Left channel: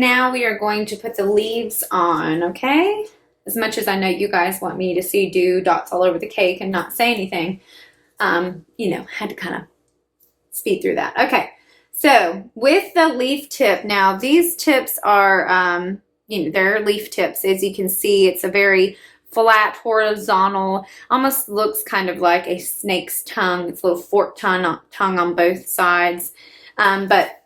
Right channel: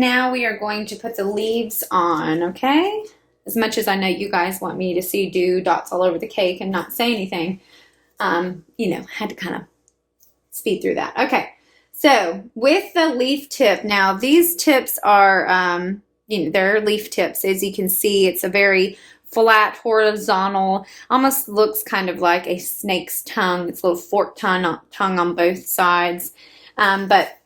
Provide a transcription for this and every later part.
now we are going to put the leaves on, okay? As much as I know you guys want me to see do dots all over the cake and not say anything, you know, had to kind of speed through that. Okay, so with the leaf tip, now these tips are, you know, they're leaf tips. As you can see, it's a very flat, horizontal, almost looks kind of like a snake's tongue. It's a little forked tongue on both sides. But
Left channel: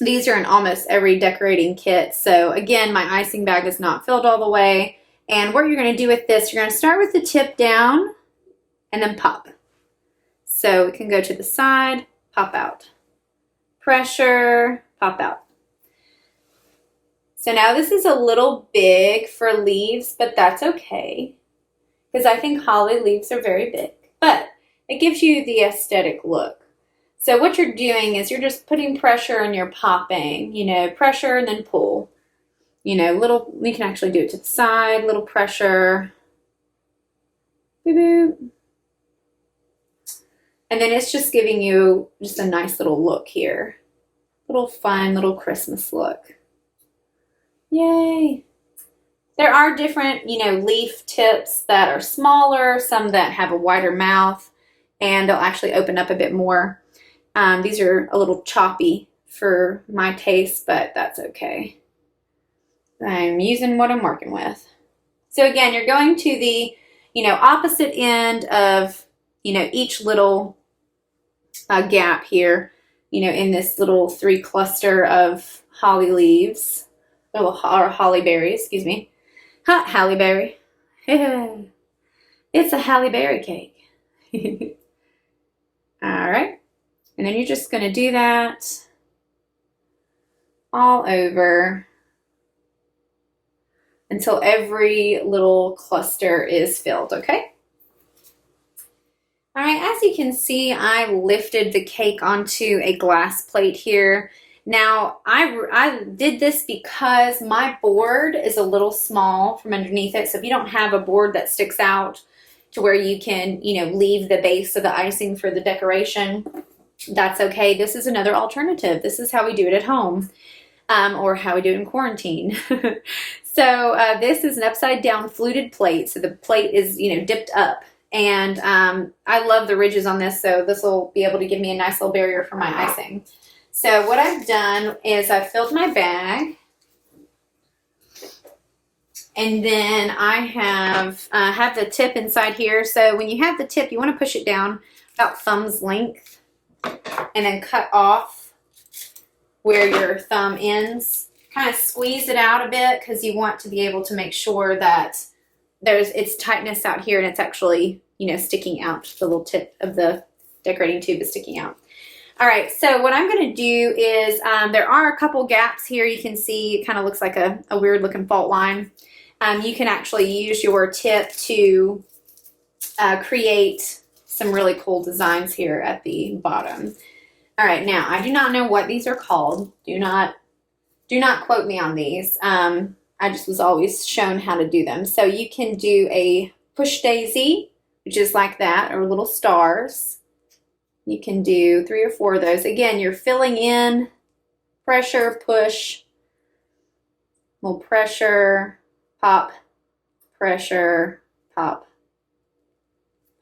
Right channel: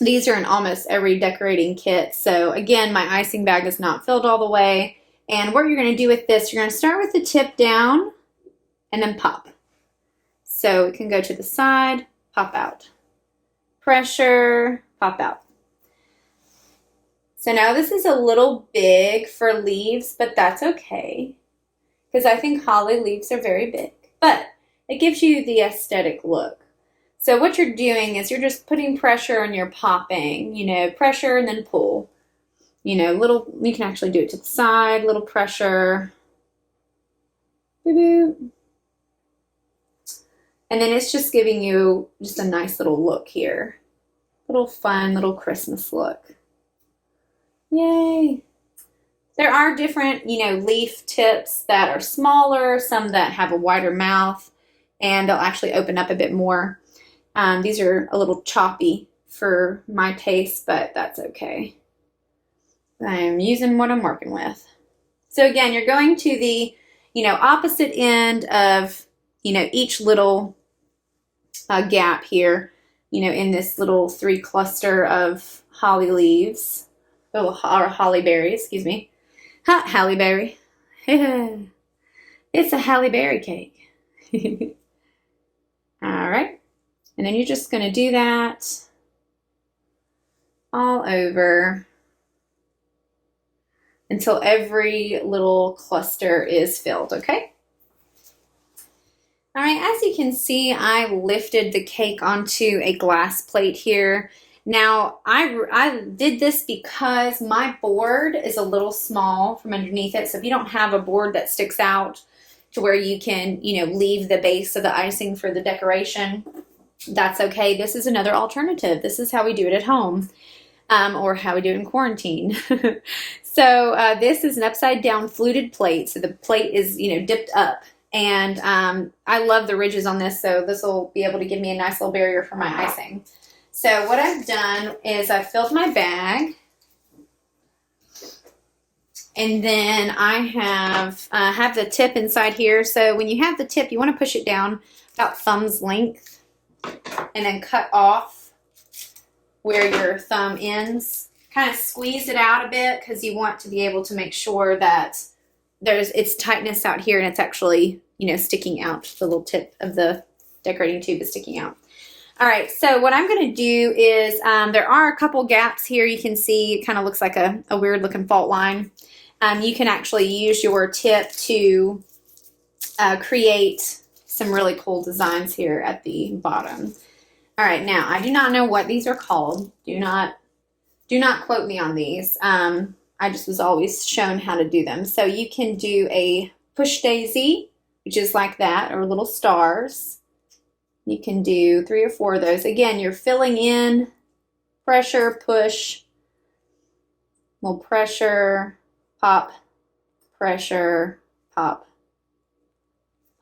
these are in almost every decorating kit. So again, my icing bag is not filled all the way. And what you're going to do with this, you're going to start with the tip down and then pop. So it can go to the side, pop out. Pressure, pop out. So now this is a little big for leaves, but that's okay. Because I think holly leaves are very big. But it gives you the aesthetic look. So what you're doing is you're just putting pressure and you're popping, you know, pressure and then pull. You know, little, you can actually do it to the side, little pressure. Boop, boop. And then it's just giving you just a nice little look here. Little fun, little Christmas look. Yay. There are different, you know, leaf tips that are smaller, some that have a wider mouth, and they'll actually open up a bit more. These are a little choppy for my taste, but that's okay. I'm using what I'm working with. So again, you're going to the, you know, opposite end of, you know, each little gap here, you know, in this little 3 cluster of holly leaves, or holly berries, excuse me. Halle berry. It's a halle berry cake. All right. And then you're just going to do that all over until every little cluster is filled, okay? All right, as you can see, I lifted the cake onto a glass plate here. Now, I did this because my board is a little small from underneath it, so if you don't have a board that sticks out to where you can, you know, leave the base of the icing for the decoration, that's okay. This is another alternative. This is how we do it at home, or how we do it in quarantine. So this is an upside down fluted plate. So the plate is, you know, dipped up. And I love the ridges on this, so this will be able to give me a nice little barrier for my icing. So what I've done is I've filled my bag. And then I have the tip inside here. So when you have the tip, you want to push it down about thumb's length. And then cut off where your thumb ends. Kind of squeeze it out a bit because you want to be able to make sure that it's tightness out here and it's actually, you know, sticking out. The little tip of the decorating tube is sticking out. All right, so what I'm going to do is there are a couple gaps here. You can see it kind of looks like a weird looking fault line. You can actually use your tip to create some really cool designs here at the bottom. All right, now I do not know what these are called. Do not quote me on these. I just was always shown how to do them. So you can do a push daisy, which is like that, or little stars. You can do 3 or 4 of those. Again, you're filling in, pressure, push, little pressure, pop, pressure, pop,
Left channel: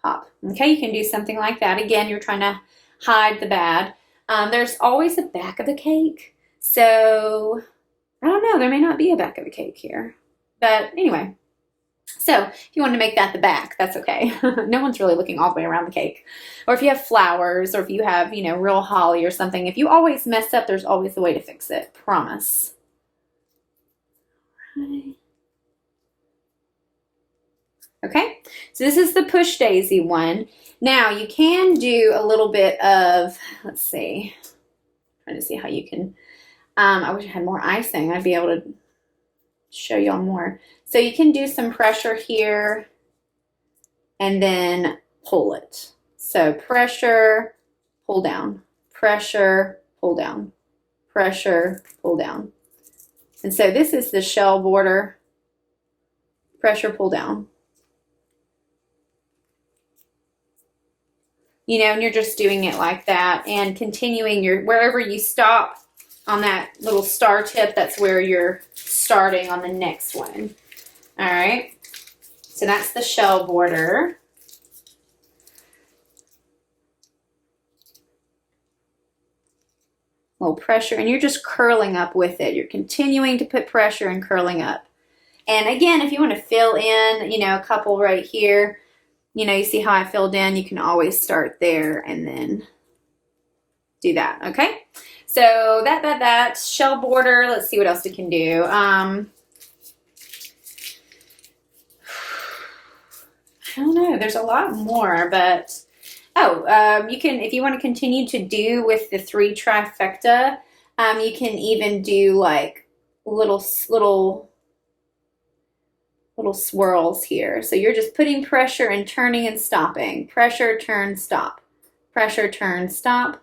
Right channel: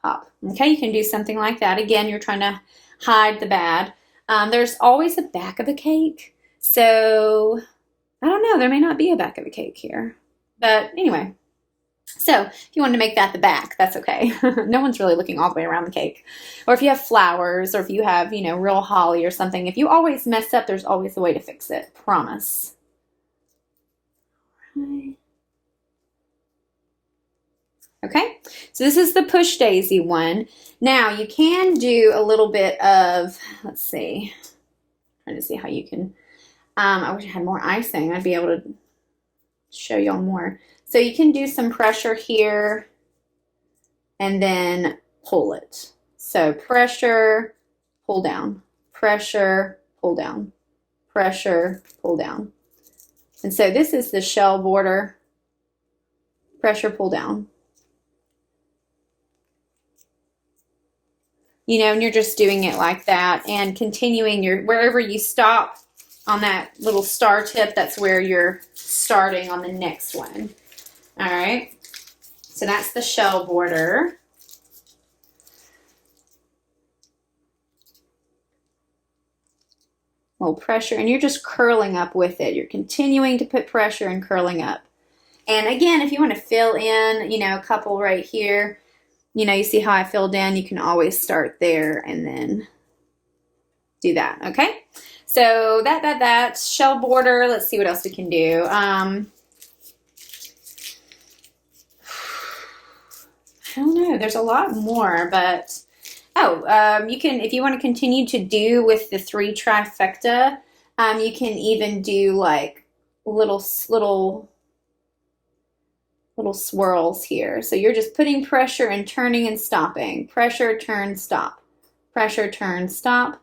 pop. Okay, you can do something like that. Again, you're trying to hide the bad. There's always a back of the cake. So, I don't know, there may not be a back of the cake here. But anyway, so if you wanted to make that the back, that's okay. No one's really looking all the way around the cake. Or if you have flowers, or if you have, you know, real holly or something, if you always mess up, there's always a way to fix it. Promise. Okay, so this is the push daisy one. Now you can do a little bit of, let's see, trying to see how you can, I wish I had more icing. I'd be able to show y'all more. So you can do some pressure here and then pull it. So pressure, pull down, pressure, pull down, pressure, pull down. And so this is the shell border, pressure, pull down. You know, and you're just doing it like that and continuing your, wherever you stop on that little star tip, that's where you're starting on the next one. All right, so that's the shell border. A little pressure, and you're just curling up with it. You're continuing to put pressure and curling up. And again, if you want to fill in, a couple right here, you see how I filled in, you can always start there and then do that, okay? So that shell border, let's see what else we can do. I don't know, there's a lot more, but you can, if you want to continue to do with the 3 trifecta, you can even do like little swirls here. So you're just putting pressure and turning and stopping. Pressure, turn, stop. Pressure, turn, stop.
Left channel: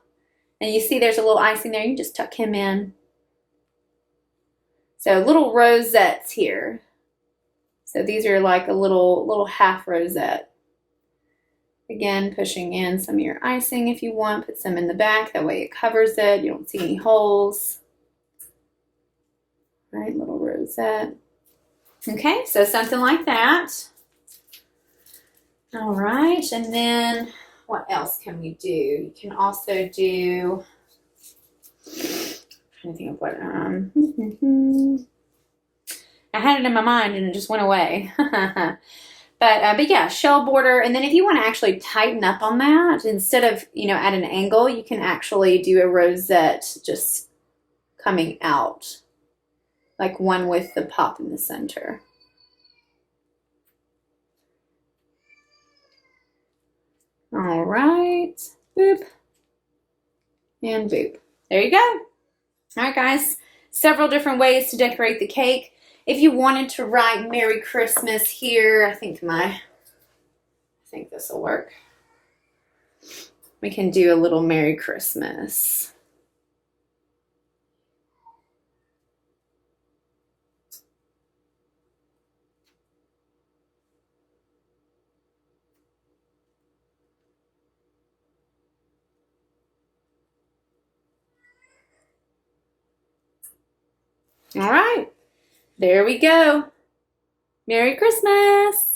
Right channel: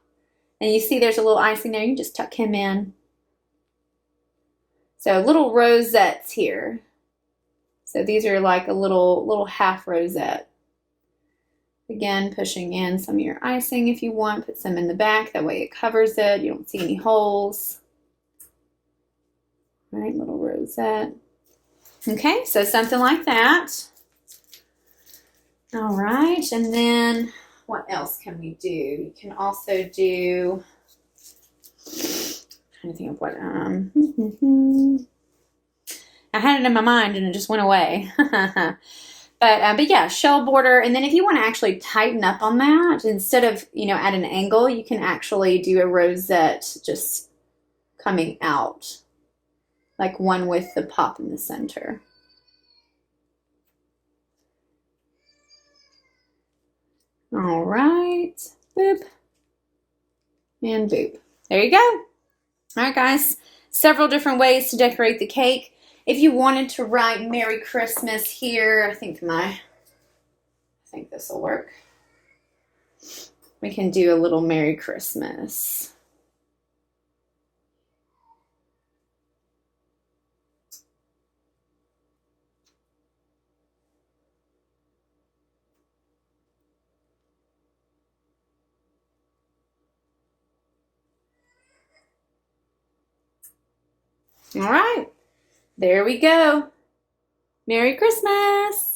And you see there's a little icing there. You can just tuck him in. So little rosettes here. So these are like a little half rosette. Again, pushing in some of your icing if you want. Put some in the back. That way it covers it. You don't see any holes. All right, little rosette. Okay, so something like that. All right, and then what else can we do? You can also do, I'm trying to think of what, I had it in my mind and it just went away. But yeah, shell border. And then if you want to actually tighten up on that, instead of, at an angle, you can actually do a rosette just coming out. Like one with the pop in the center. All right, boop, and boop. There you go. All right, guys, several different ways to decorate the cake. If you wanted to write Merry Christmas here, I think this will work. We can do a little Merry Christmas. All right, there we go. Merry Christmas.